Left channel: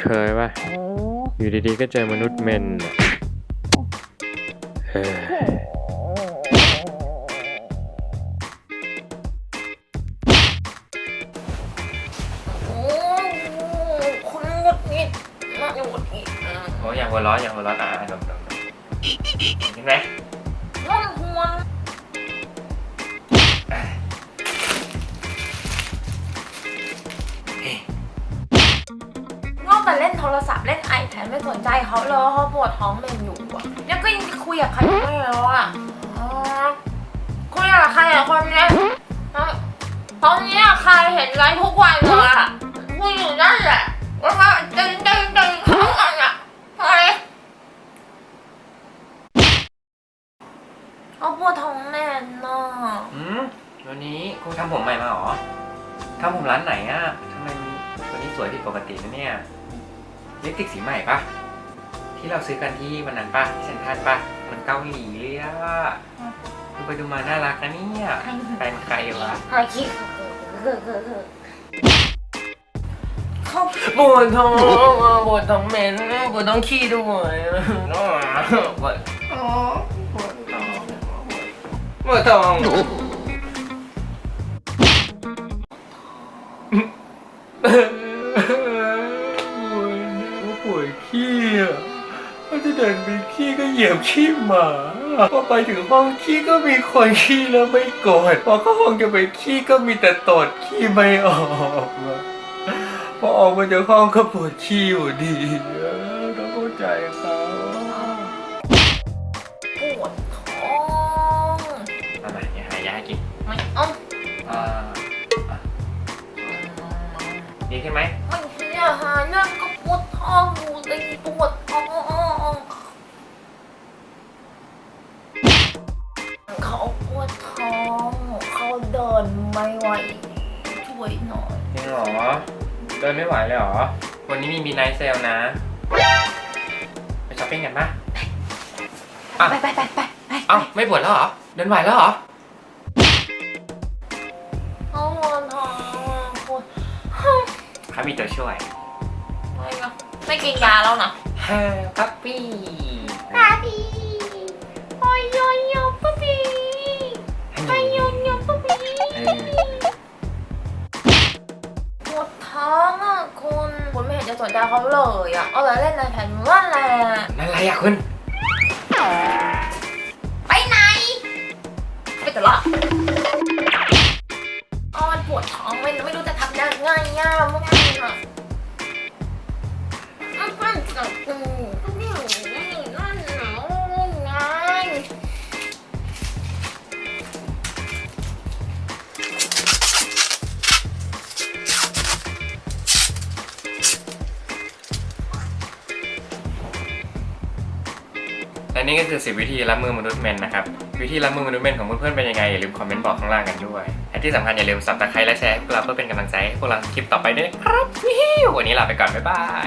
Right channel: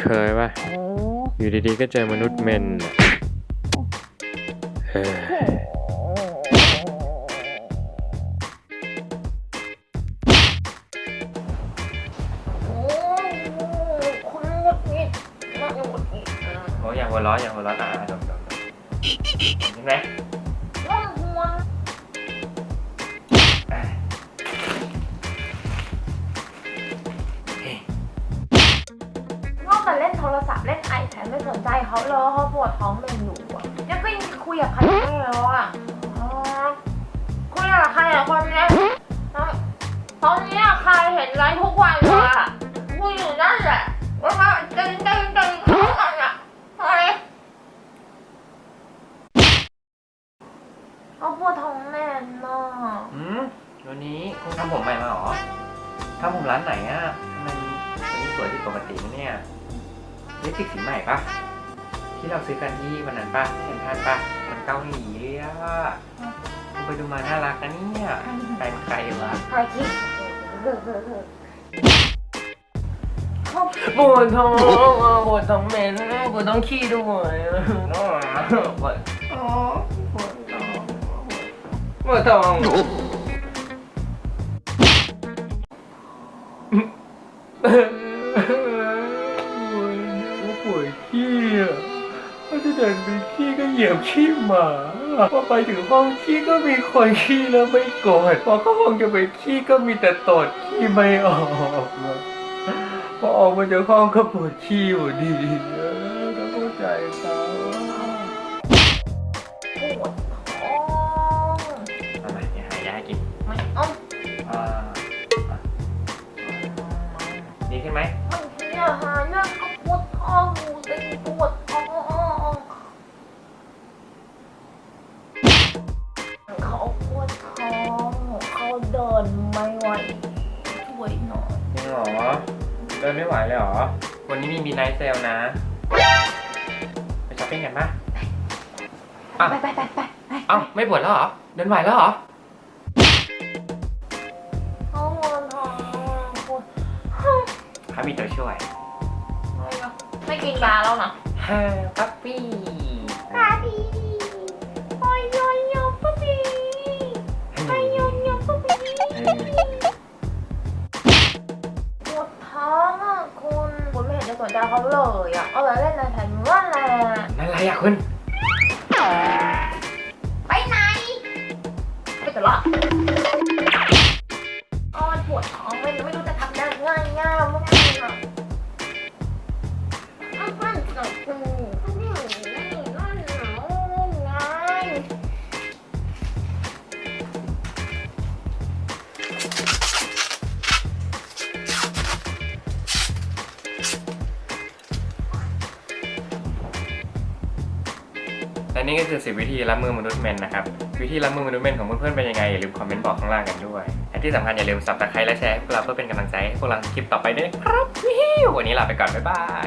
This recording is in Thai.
เคยป่ะ โอ้อยู่ดีๆ ก็เจอมนุษย์เมนน่ะเฮ้ยโอ้คุณหงุดหงิดมากหงุดหงิดอะโอ้ยอย่างหัวเร้อนอย่างหัวเร้อนอะดมดมดมเห็นไหม เล่นโทรศัพท์เล่นไอแพดไม่สนใจเขาเลยเขาปวดท้องเป็นอยู่อะแล้วก็ยังคุยกับใครไม่รู้อะอ๋อคุยกับใครอะคนเนี้ยตอนเนี้ยใครเห็นไลฟ์ทุกวันเลยอะคุยอยู่นั่นแหละว่าว่าดึงดึงดึงเขาอะอะอะไรเอาปวดท้องแน่นอะอืมวันนี้คุณทำผมใหม่มาเหรอทำผมร้านไหนอะทำไมวันนี้สวยผิดปกตินะเนี่ย ลิปสติกสีใหม่ปะที่เราซื้อกันที่วันนั้นปะที่เซ็นทรัลปะมันเกาหลีเลยอะคุณไปดูมาน่ารักนะเนี่ยใครเป็นใครวะไอ้คิดปวดท้องปวดท้องเหม็นปวดท้องขี้ด้วยปวดปวดท้องป เดินไปขี้ก็เหยียบขี้หมาพอไปถึงห้องขี้ก็มีคนขี้แล้วไม่กดพอเข้าห้องจะไปขี้ก็มีแต่ตดขี้ไม่ออกอะพอออกมาจากห้องก็ปวดขี้อยู่ดีเออต้องเข้าใจเขาปวดท้องเอามาเดี๋ยวหายาให้กินไม่เอาอ่าอะดีขึ้นไหมไม่ เดินไม่ไหวเลยเหรอ วันนี้มีมีไนท์เซลนะ ไปช้อปปิ้งกันปะอะไปไปไปไปไปเอ้าไม่ปวดแล้วเหรอ เดินไหวแล้วเหรอเขาปวดท้องปวดครับมีตัวช่วยไม่นะไม่กินยาแล้วนะฮาปั๊ปปี้ ปาปีโสนใจเขาเลยอะเอาแต่เล่นในแผ่นว่าแหละนั่นอะไรอะคุณ และนี่ก็คือ 10 วิธีรับมือมนุษย์แมนนะครับ วิธีรับมือมนุษย์แมนของเพื่อนๆเป็นยังไงอย่าลืมคอมเมนต์บอกข้างล่างกันด้วยและที่สำคัญอย่าลืมสับตะไคร้และแชร์ให้พวกเราเพื่อเป็นกำลังใจให้พวกเราคลิปต่อไปด้วยนะครับวิววันนี้ลาไปก่อนบ๊ายบาย